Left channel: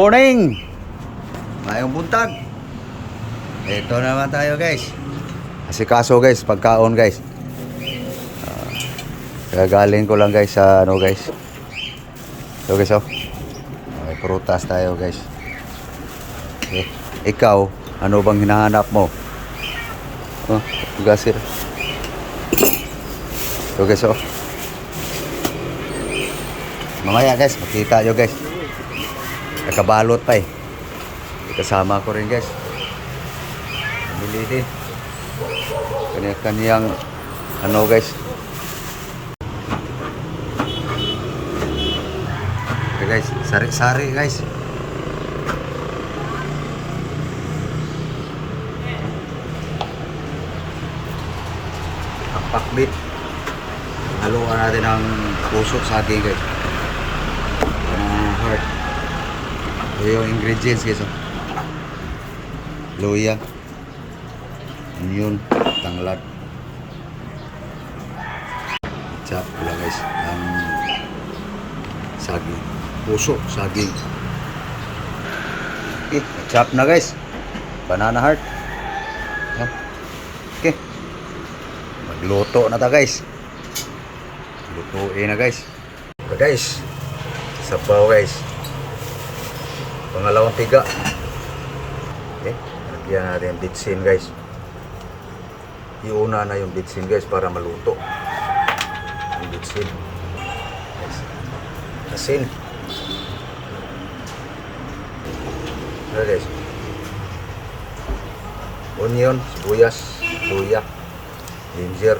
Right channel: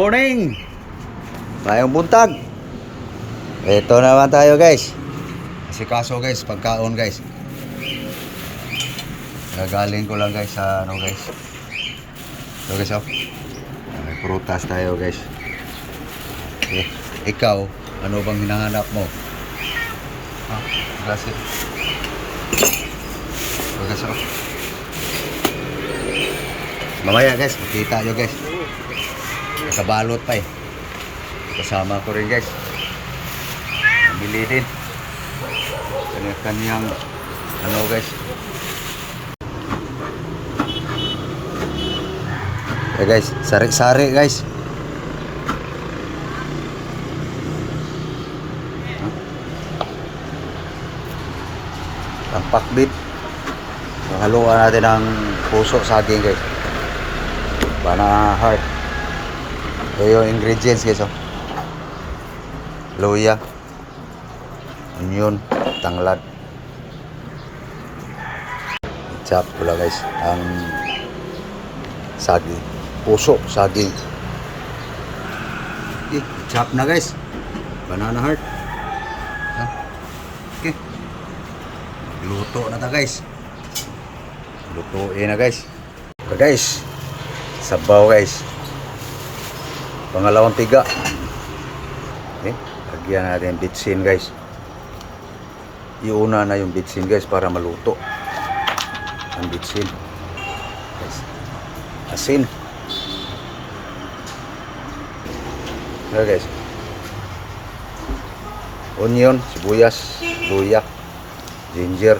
Morning! Mayong buntag. Ito naman tayo guys. Asikaso guys, pagkaon guys. Galing ko lang guys sa ano guys. So guys oh. May prutas tayo guys. Okay. Ikaw, ano bang hinahanap mo? Oh, gasir. So guys oh. Mamaya guys, makita nyo guys. Nakabalot pa eh. Kasama ko rin guys. Bili din. Kanya-kanyang ano guys. Okay guys, sari-sari guys. Ang pakbit. Haluan natin ang puso saging guys. Banana heart. Ito yung ingredients guys oh. Luya, onion, tanglad. Chop pula guys ang saging. Puso, saging. Okay, chop na guys. Banana heart. Okay. Magluto na ta guys. Lutuin na guys. Ito guys. Sabaw guys. Pangalawang tiga. Okay. Lagyan natin bitsin guys. Iuna na yung bitsin guys para maluto. Ang bitsin. Asin. Yan guys. Onion, sibuyas, luya, ginger.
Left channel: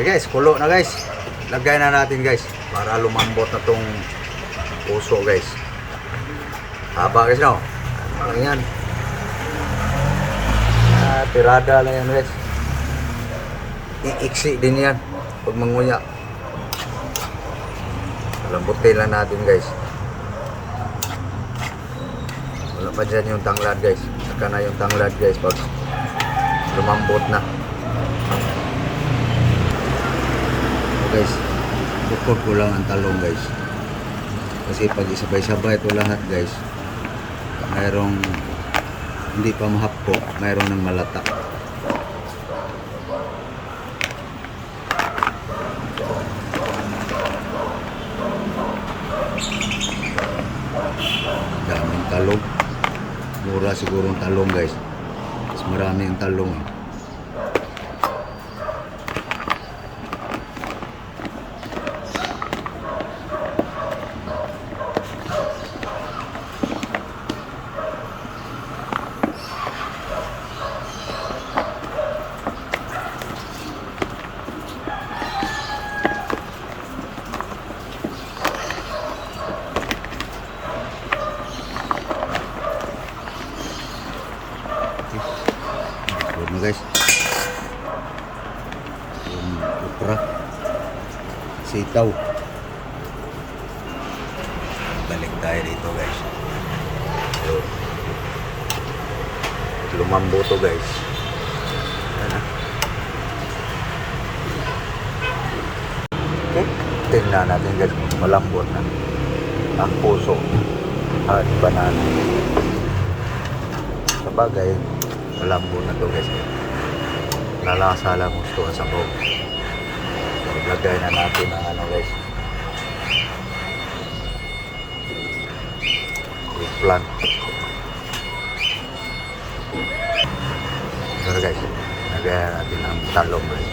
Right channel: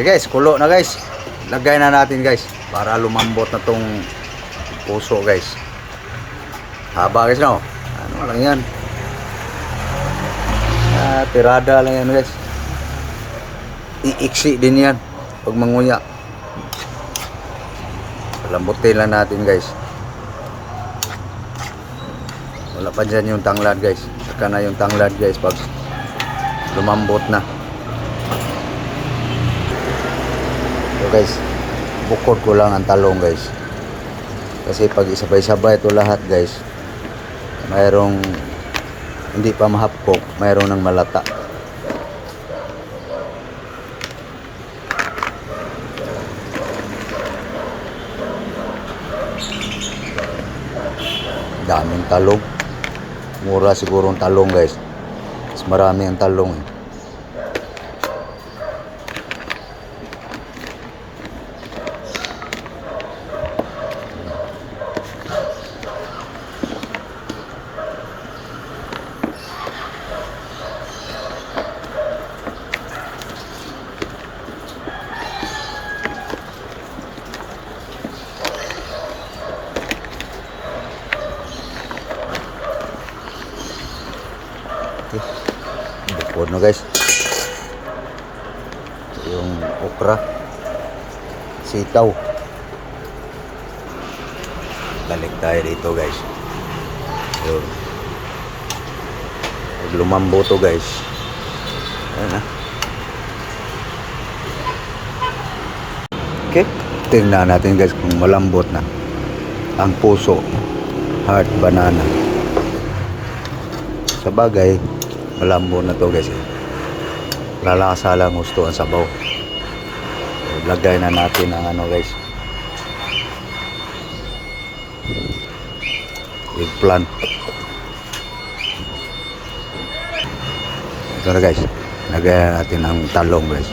Okay guys, kulo na guys. Lagay na natin guys para lumambot na tong puso guys. Haba guys no. Ano yan? Tirada lang yan guys. Iiksi din yan pag manguya. Lambutin lang natin guys. Wala pa dyan yung tanglad guys. Saka na yung tanglad guys pag lumambot na. So guys, bukod ko lang ang talong guys. Kasi pag isabay-sabay ito lahat guys, mayroong hindi pa mahapkok, mayroong ng malata. Daming talong. Mura siguro ang talong guys. Mas marami ang talong eh. Bukod na guys yung okra, sitaw. Balik tayo dito guys. So, lumambo to guys. Ayan na. Okay, tingnan natin guys kung malambot na ang puso, heart, banana. Sa bagay malambot na to guys. Lalakasalang gusto ang sabaw. Lagay na natin ang ano guys, eggplant. Ito na guys, lagay natin ang talong guys.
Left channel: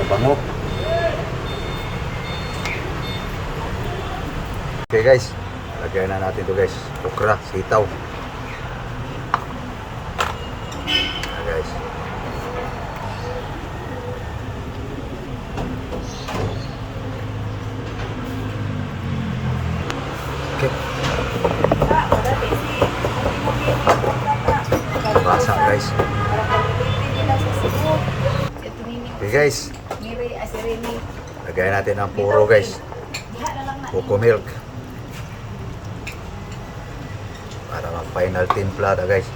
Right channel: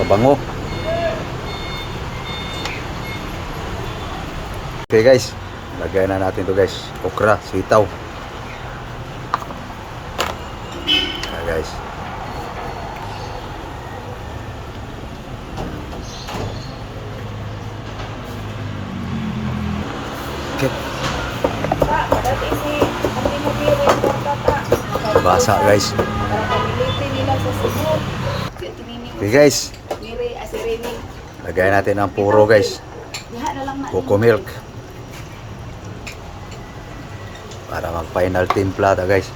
Kabango. Okay guys, lagyan na natin to guys. Okra, sitaw. Okay guys. Okay. Basa guys. Okay guys. Lagyan natin ang puro guys. Coco milk. Para mag final timpla ta guys.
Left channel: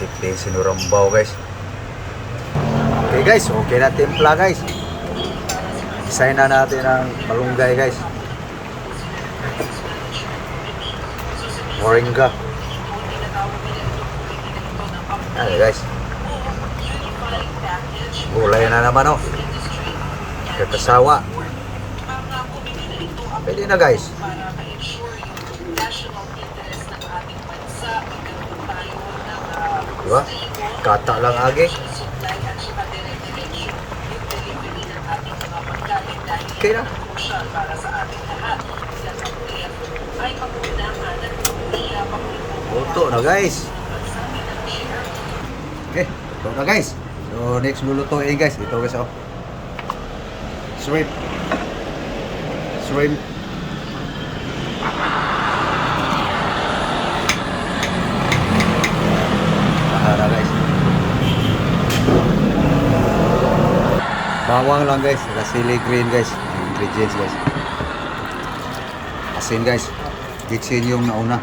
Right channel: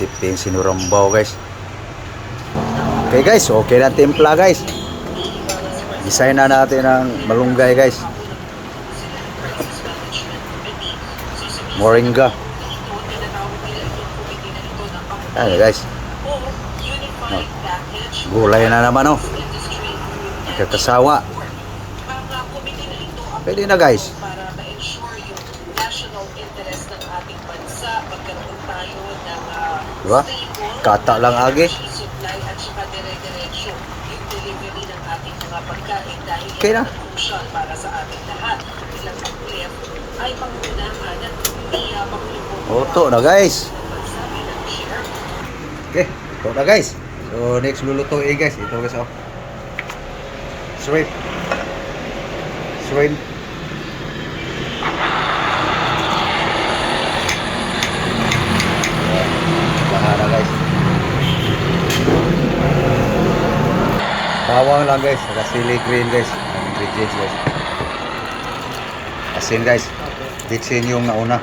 Siping sinurambaw guys. Okay guys, okay na timpla guys. Design na natin ang malunggay guys. Moringa. Ayan guys. Gulay na naman oh. Kakasawa. Pwede na guys. Diba? Kata lang agi. Okay na. Oto na guys. Okay, oto na guys. So next lulutuin guys. Ito guys oh. Shrimp. Shrimp. Lahat na guys. Bawang lang guys, saka chili green guys. Ang ingredients guys. Asin guys. Mixin yung nauna.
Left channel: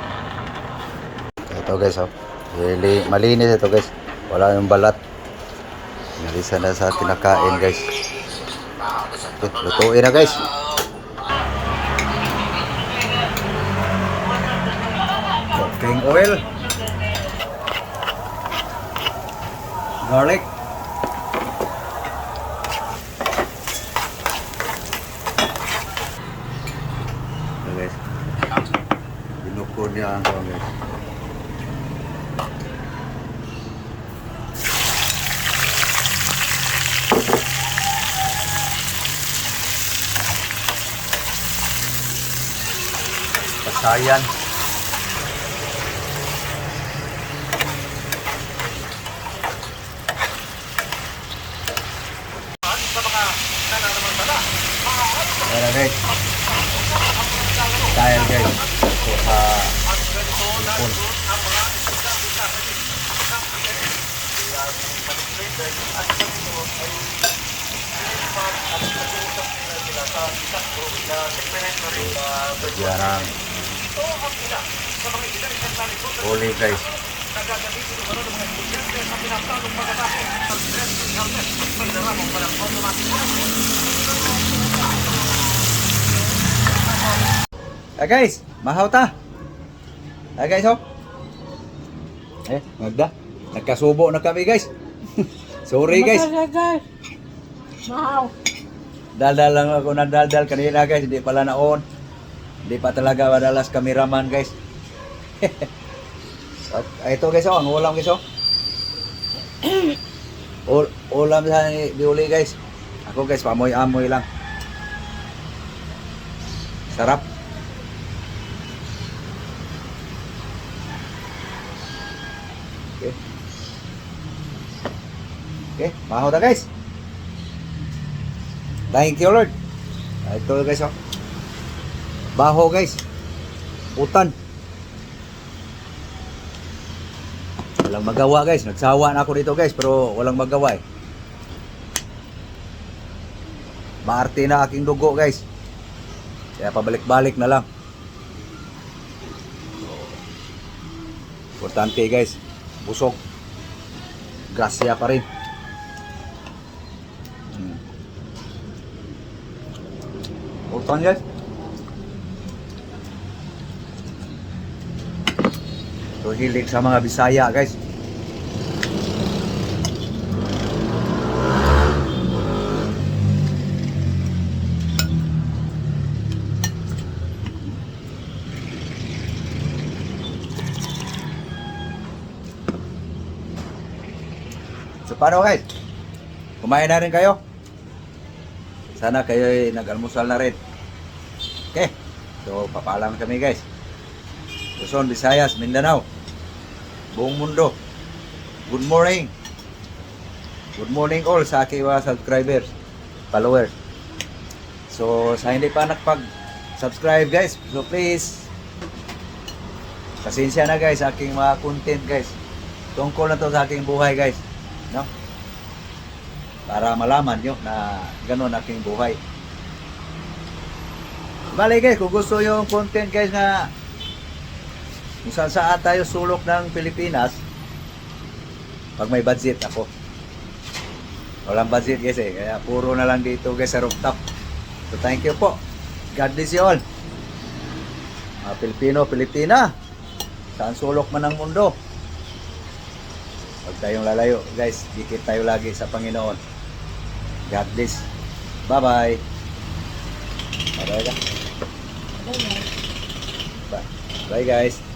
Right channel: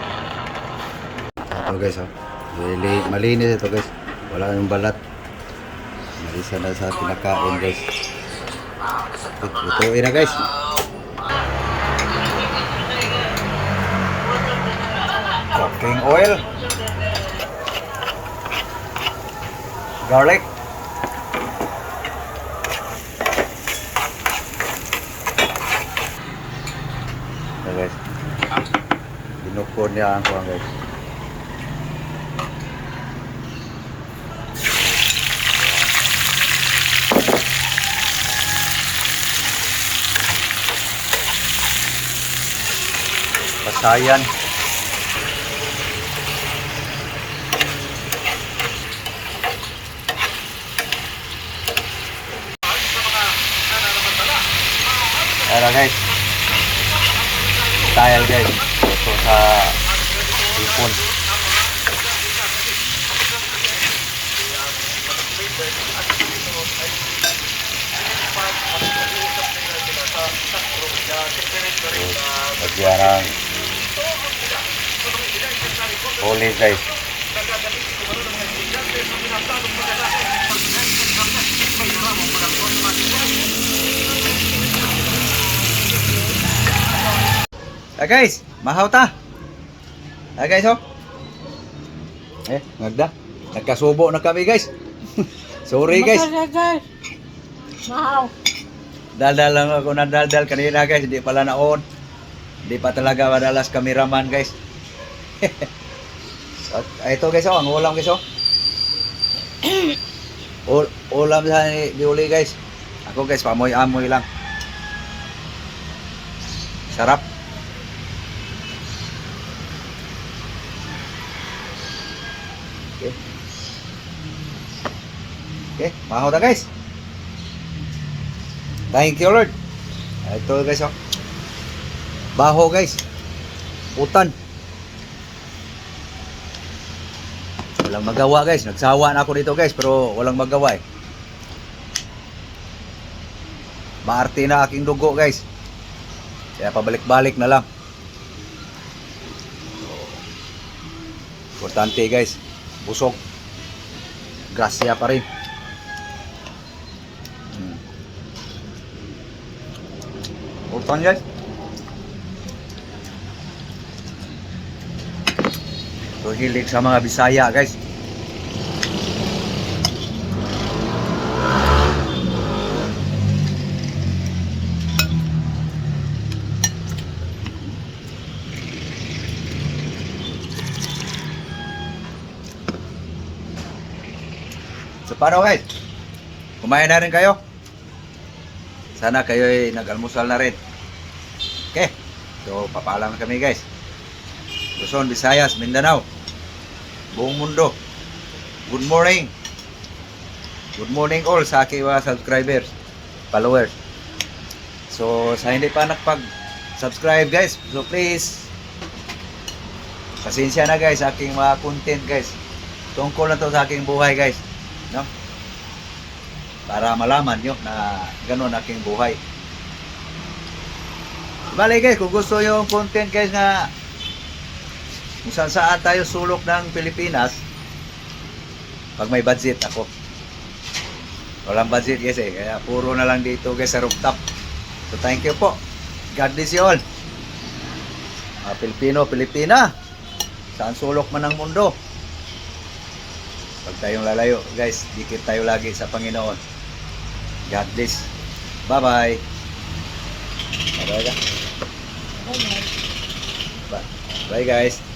Ito guys oh. Really malinis ito guys. Wala yung balat. Nalisan na sa kinakain guys. Okay, lutuin na guys. Cooking oil. Garlic. Okay guys. Binukod niya ang guys. Kasayan. Ayan guys. Style guys. Ito sa ipon. Lagyan ng olive guys. Guys, mahaw ta. Guys oh. Nagda. Nagkasubo na kami guys. Sorry guys. Mahaw. Daldal lang ako na daldal kanina guys. Hindi pala naon. Hindi pa talaga madalas cameraman guys. Ito guys oh, ang ulam guys oh. Ulam sa diuli guys. Ako guys, pamoy-amoy lang. Sarap. Okay. Okay, maho na guys. Thank you Lord. Ito guys oh. Baho guys. Utan. Walang magawa guys. Nagsawa na ako dito guys, pero walang magawa eh. Maarte na aking dugo guys. Kaya pabalik-balik na lang. Importante guys. Busog. Grasya pa rin. Utan guys. So hilig sa mga Bisaya guys. So paano guys? Kumain na rin kayo? Sana kayo ay nag-almusal na rin. Okay. So papaalam kami guys. Luzon, Visayas, Mindanao. Buong mundo. Good morning. Good morning all sa aking mga subscribers, followers. So sa hindi pa nakapag-subscribe guys, so please pasensya na guys sa aking mga content guys. Tungkol na to sa aking buhay guys, no? Para malaman nyo na gano'n aking buhay. Bale guys, kung gusto yung content guys na kung saan tayo sulok ng Pilipinas, Pag may budget ako. Walang budget guys eh. Kaya puro na lang dito guys sa rooftop. So thank you po. God bless you all. Pilipino, Pilipina. Saan sulok man ng mundo. Pag tayong lalayo guys, dikit tayo lagi sa Panginoon. God bless. Bye-bye. Bye-bye. Bye guys.